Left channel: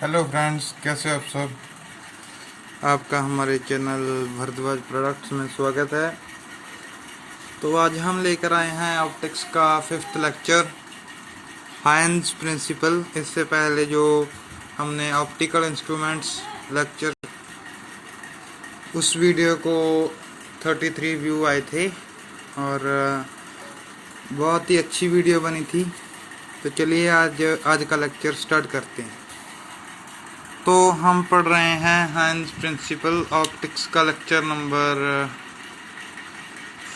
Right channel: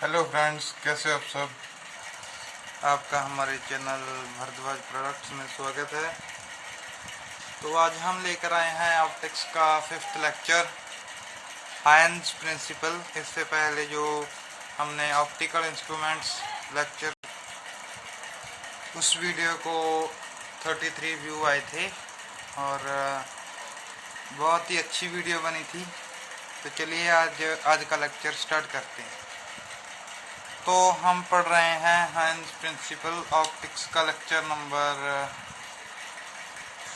Hello friends, कैसे आप सब। आपका हमारे चैनल भरद्वाज प्रोडक्ट्स में स्वागत है। तो आज हम लेकर आए हैं ऑप्टिक्स का 5th लेक्चर, हाइंस प्रिंसिपल। इससे पहले जो हमने ऑप्टिकल इंस्ट्रूमेंट्स लेक्चर, उस वीडियो को 33 व्यू आए थे और बहुत ही अच्छी वीडियो बनी थी। तो चलिए आज का लेक्चर स्टार्ट करते हैं। तो हम पढ़ रहे हैं हाइंस प्रिंसिपल ऑप्टिक्स का लेक्चर नंबर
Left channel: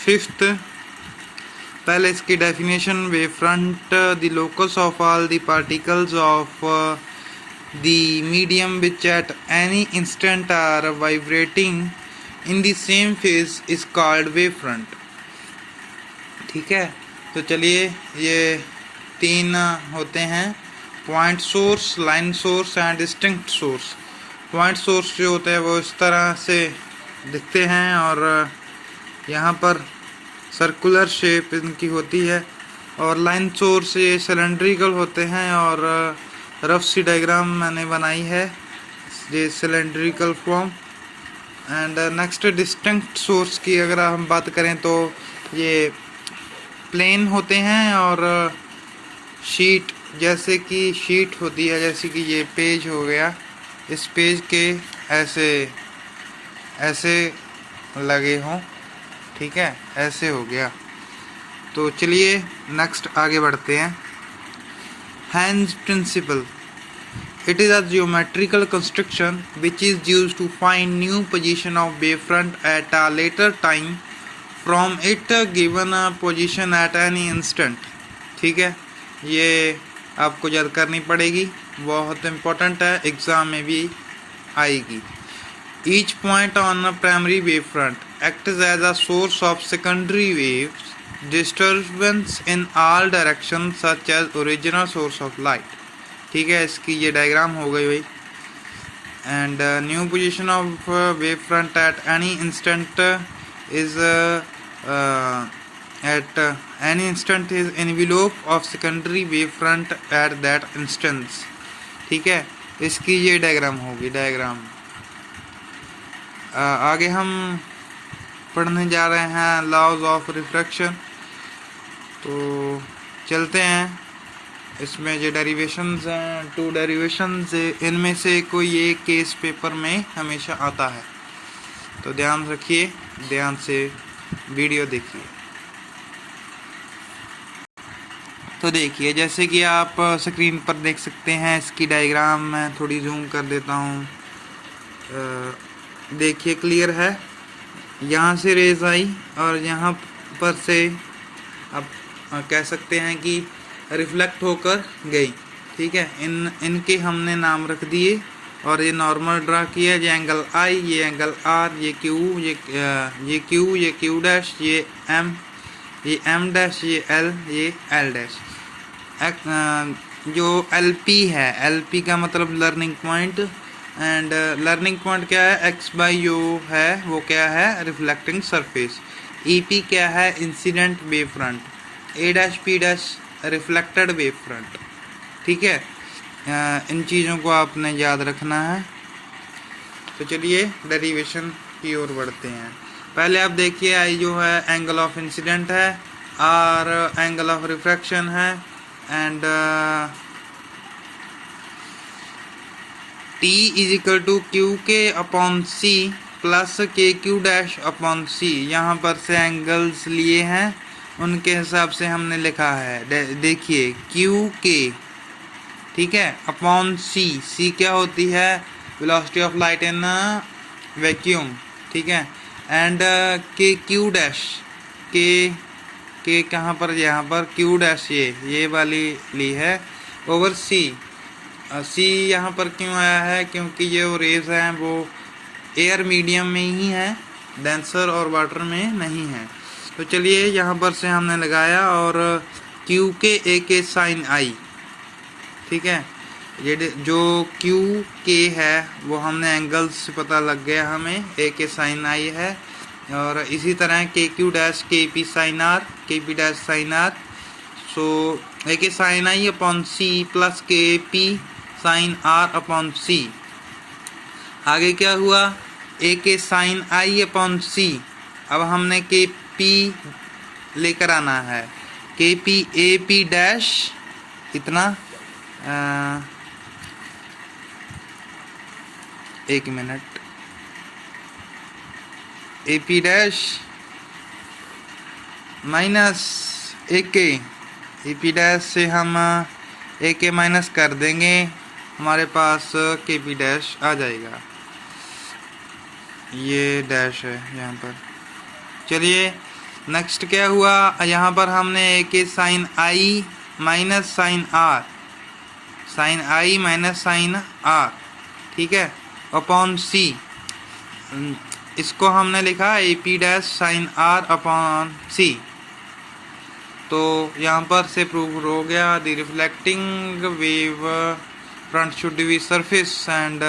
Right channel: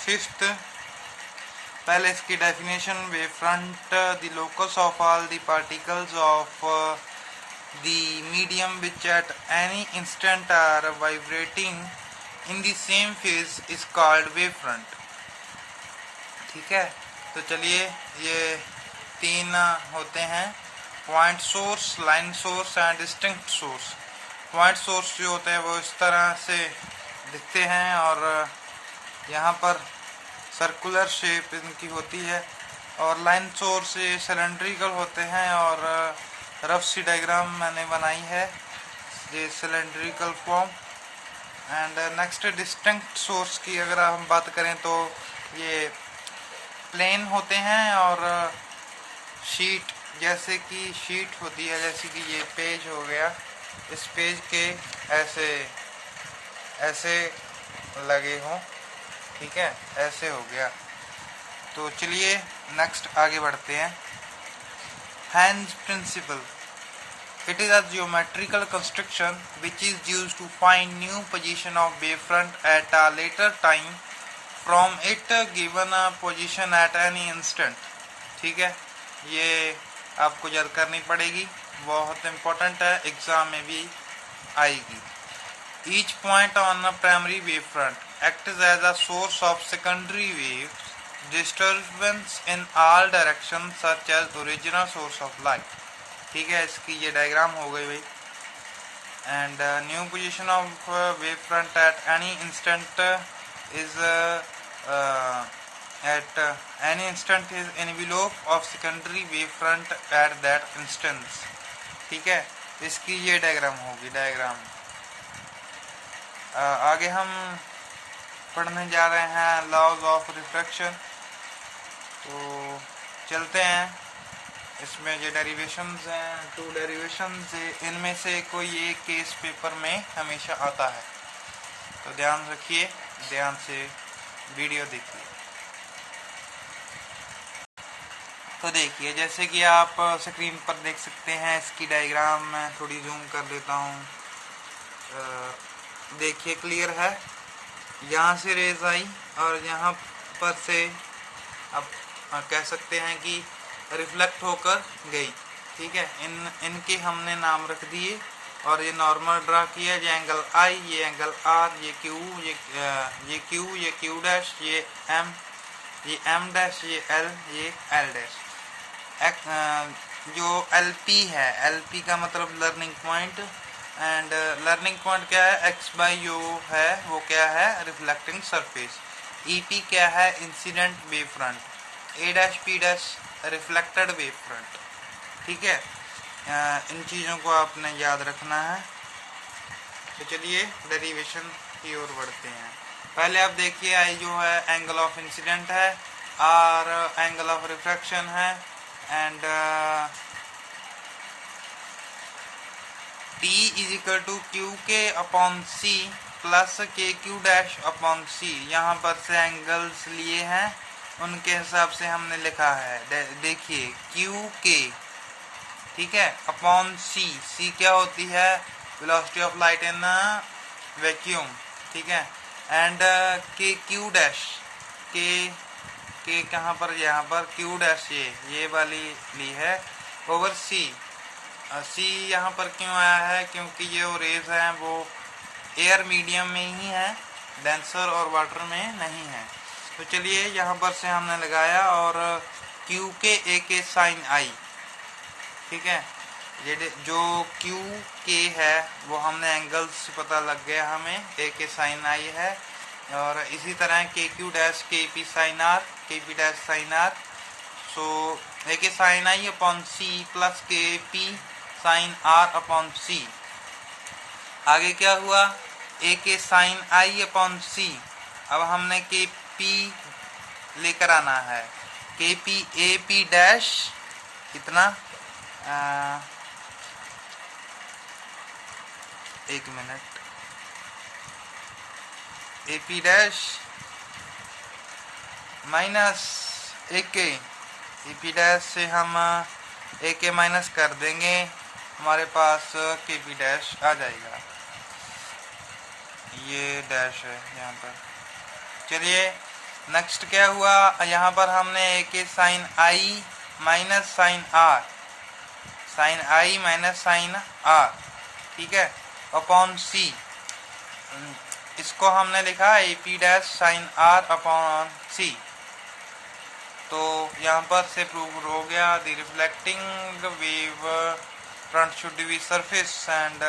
5th। पहले इसकी definition, wave front the locus of all the particles of the medium which at any instant are vibrating in the same phase is called wave front. ठीक है, तो चलिए, ये 3 होते हैं: point source, line source and distinct source. Point source जो होते हैं वो इस तरह से दिखते हैं और यहाँ पर सर्कुलर शेप इनकी होती है, और लाइन सोर्स ये सिलेंड्रिकल होते हैं और रफ सी डायग्राम मैंने बनाई है, ये cylindrical form. And next distinct source की अगर हम बात करें तो ये प्लेन होते हैं और शीट, जैसे कि शीट होती है, जैसे कि ये पेज हो गया, इस पेज के ऐसे ऐसे लगे हों। ठीक है, ऐसे हो गया। तो चलिए नेक्स्ट आगे बढ़ते हैं। Huygens principle, it is a geometrical construction which is used to find new position of wave front at a later time from it given a position at any instant. ठीक है, ये आपको याद करनी पड़ेगी, बहुत इम्पोर्टेंट है, एग्जाम में भी आएगी। Each point on a primary wave front acts as a source of secondary wave disturbance in all direction such as original source of light. ठीक है, इसकी ये डायग्राम हो गई भाई। And new position of wave front at any instant is at any instant is envelope of secondary wave front at that instance। ठीक है, इसकी ये डायग्राम होगी। डायग्राम आगे हम पढ़ने जा रहे हैं लॉज ऑफ रिफ्रैक्शन। तो चलते हैं, इसमें जो डेरिवेशंस हैं, 2 डेरिवेशंस, इनमें से कोई एक केस पेपर में हमेशा आता है, तो ध्यान रखिए, ध्यान से वीडियो देखिए। तो देखिए, जैसे कि आप स्क्रीन पर देख सकते हैं, इसकी डायग्राम मैं थोड़ी जूम कर देता हूँ। देखिए, क्लियर है। यहाँ से रेज आई और यहाँ पर से आप कह सकते हैं कि रिफ्लेक्ट होकर गई। ठीक है, इनके हमने नाम रख दिए और ये नॉर्मल ड्रा किया। ये एंगल आई, ये एंगल आर, ये क्यू, ये क्यू, ये क्यू डैश, ये एम डैश, ये एल, ये एल डैश। जो LP है, LP का मतलब learning point, and learning point क्या है, x/u है, वो क्या है, रिफ्लेक्टिंग सरफेस। EP क्या है, incident wave front. A', P' reflected wave front. ठीक है, इन चीज़ों को आपने याद रखना है। तो चलिए डेरिवेशन की ओर बढ़ते हैं। पहले आप देखिए, I जो है एंगल ऑफ इंसिडेंट है, R एंगल ऑफ रिफ्रैक्शन है, and T is equal to QK/C plus KQ'/C। यहाँ पर से एंगल्स लिए हैं, उनके हिसाब से हमने लिखा है। देखिए, QK, ठीक है, अपॉन C क्या होती है, velocity of light in vacuum. ठीक है, एंड KQ', के कहाँ पर, यहाँ पर Q', ये वाली ली है, ओवर C यहाँ पर क्यों आया है, क्योंकि ये वो रेज हैं वो एयर मीडियम में ही है, डेंसर और वाटर में नहीं है। तो चलिए, यहाँ पर से हमने लगाया और QK साइन आई। ठीक है, ये जो QK है वो हमने एंगल से पता लग गया हमें, AK साइन आई है, और इसी तरह KQ' KP sine R, KP' sine R. So AK sine I upon C plus KP sine R upon C. आगे क्या हुआ, ए के साइन आई अपॉन सी। अब हमने के पी लेकर आना है, के पी ए पी डैश इतना, एक minute, A P dash minus A K, A P dash से हम ए के माइनस कर देंगे, हमारे पास के पी डैश आ जाएगा। ये डैश है यहाँ पर। चलिए नेक्स्ट क्या हुआ, यहाँ पर हमने A K sine I minus sine R, sine I minus sine R, ठीक है, अपॉन सी। इसको हमने लिखा A P dash sine R upon C. तो यहाँ पर से प्रूव हो गया the reflecting wave front should be surface and,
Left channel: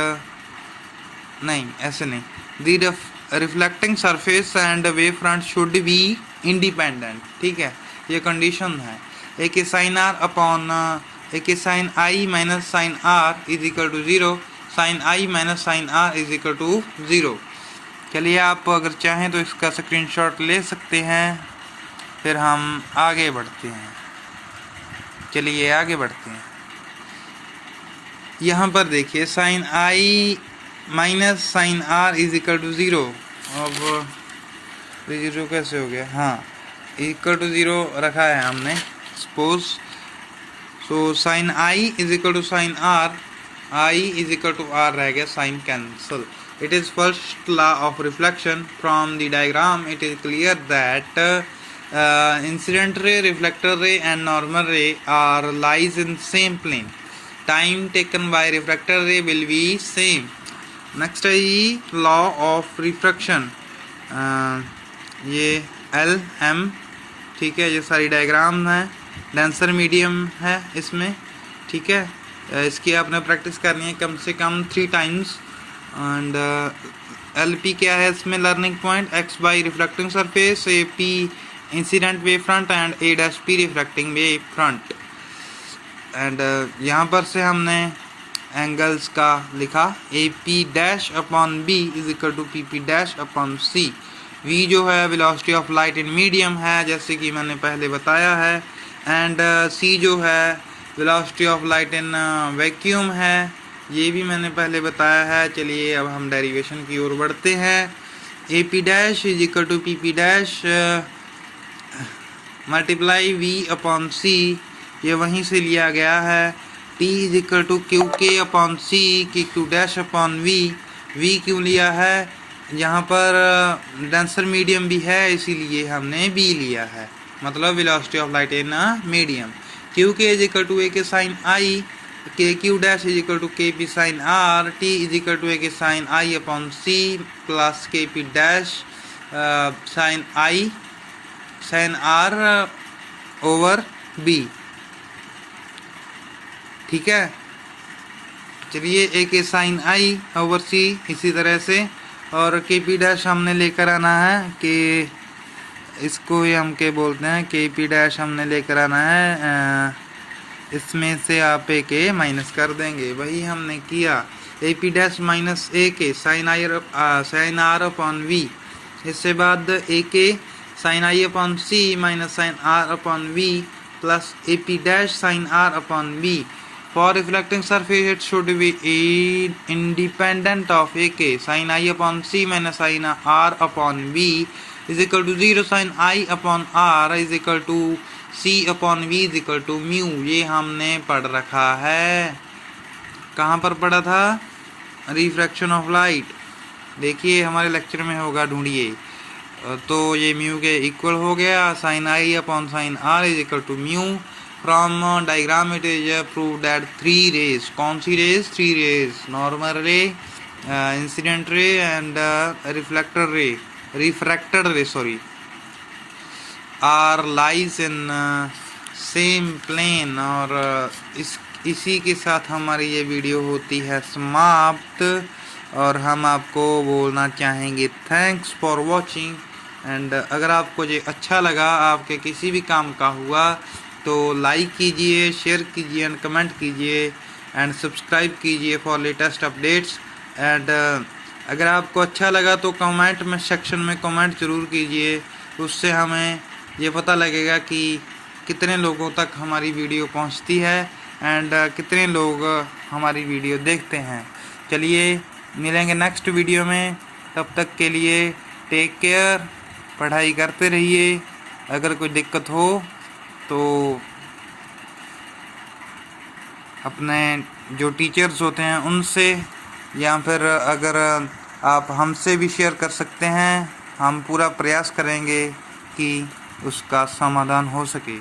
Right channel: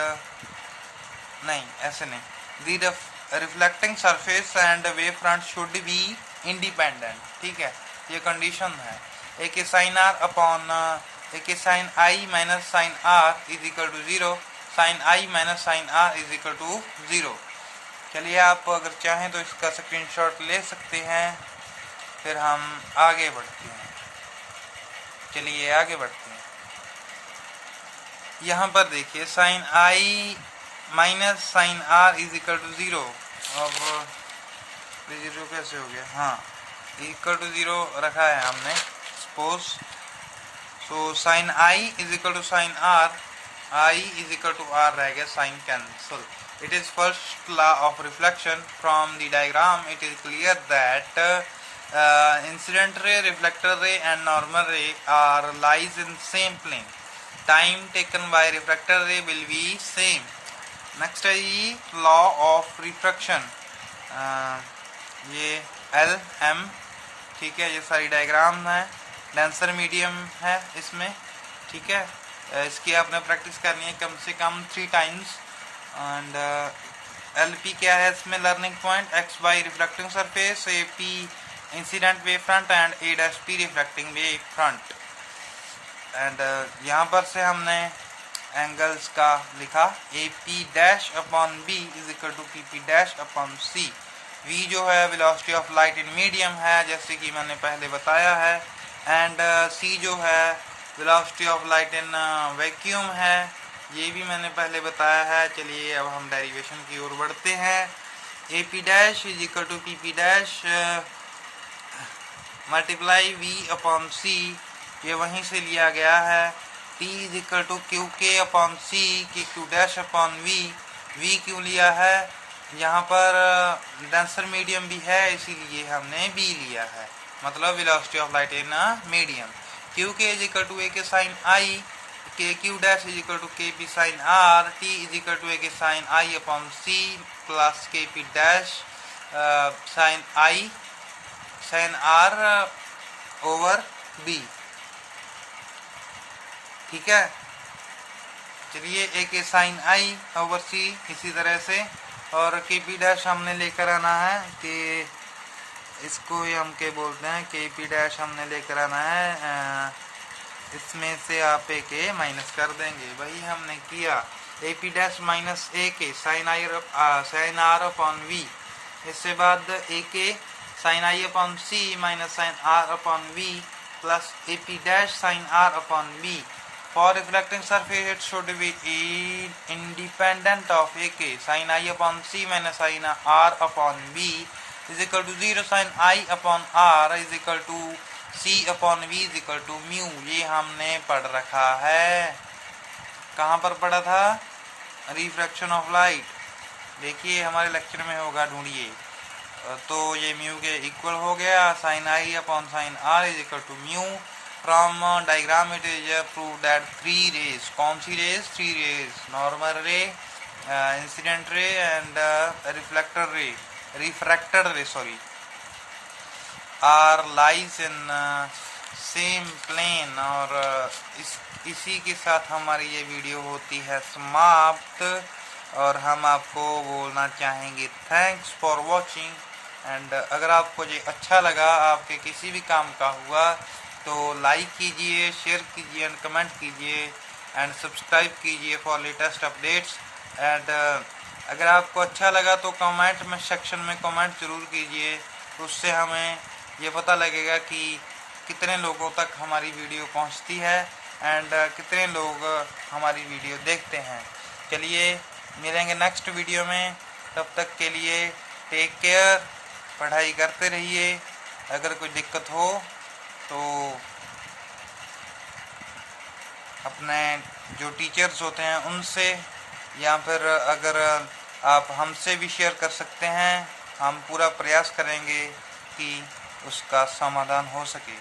नहीं ऐसे नहीं, the reflecting surface and wave front should be independent, ठीक है, ये कंडीशन है। ए K sine R upon A K sine I minus sine R is equal to 0, sine I minus sine R is equal to 0। चलिए आप अगर चाहें तो इसका स्क्रीनशॉट ले सकते हैं, फिर हम आगे बढ़ते हैं। चलिए आगे बढ़ते हैं। यहाँ पर देखिए sine I minus sine R is equal to 0। अब 0 कैसे हो गया, हाँ इक्वल टू 0 रखा है हमने suppose. So sine I is equal to sine R, I is equal to R रह गया, sine cancel. It is first law of reflection. From the diagram, it is clear that incident ray, reflector ray, and normal ray are lies in same plane. Time taken by refractor ray will be same. Next है law of refraction. ये L M, ठीक है, ये सारी diagram है, denser medium है इसमें, ठीक है। इसकी आपने प्रैक्टिस करनी है कम से कम 3 टाइम्स। एंड एल पी क्या है इसमें, learning point, X by reflecting surface, A P incident wave front and A dash P reflecting wave front. And यहाँ पर से हमने एंगल्स का लिखा, A P dash upon B is equal to P P dash upon C. V जो है velocity of light in medium है, जैसे कि मैंने पहले बताया है, एंड सी जो है velocity of light in vacuum है, ये भी मैंने पहले बताया है। चलिए अब हम डेरिवेशन की ओर बढ़ते हैं। A P dash is equal to P P dash multiply V upon C, ये वहीं से लिया गया है। T is equal to Q K upon C, की Q dash upon V. V क्यों लिया है, यहाँ पर डेंसर मीडियम भी है इसीलिए हमने वी लिया है, मतलब velocity of light in medium. Q K is equal to A K sine I, K Q dash is equal to K P sine R, T is equal to A K sine I upon C plus K P dash sine I sine R over B, ठीक है। चलिए ए K sine आई over सी इसी तरह से, और के P dash हमने लेकर आना है कि इसको ही हम के बोलते हैं, के पी डैश हमने लेकर आना है, इसमें से आप ए के माइनस कर देंगे, वही हमने किया। A P dash minus A K sine R upon V, इससे बाद A K sine I upon C minus sine R upon V plus A P dash sine R upon V. For reflecting surface it should be independent of A K sine I upon C minus sine R upon V is equal to 0 sine I upon R is equal to C upon V is equal to mu. ये हमने पढ़ रखा है, कहाँ पर पढ़ा था, refraction of light. देखिए हमारे लेक्चर में होगा, ढूंढिए। तो ये म्यू के इक्वल हो गया, sine I upon sine R is equal to mu. From diagram it is prove that 3 rays, कौन सी rays, 3 rays, normal ray, incident ray and refractor ray sorry, are lies in same plane. और इसी के साथ हमारी ये video होती है समाप्त, और हम आपको बोलना चाहेंगे थैंक्स फॉर वॉचिंग। एंड अगर आपको ये अच्छा लगा, आपके किसी भी काम का हुआ, तो लाइक कीजिए, शेयर कीजिए एंड कमेंट कीजिए। एंड सब्सक्राइब कीजिए फॉर लेटेस्ट अपडेट्स। एंड अगर आपको अच्छा लगा तो कमेंट में सेक्शन में कमेंट ज़रूर कीजिए, उससे हमें ये पता लगेगा कि कितने लोगों तक हमारी वीडियो पहुंचती है एंड कितने लोग हमारी वीडियो देखते हैं। चलिए मिलेंगे नेक्स्ट वीडियो में, तब तक के लिए टेक केयर, पढ़ाई करते रहिए। अगर कोई दिक्कत हो तो अपने जो टीचर्स होते हैं उनसे, या फिर अगर आप हमसे भी शेयर कर सकते हैं। हम पूरा प्रयास करेंगे कि उसका समाधान हो सके।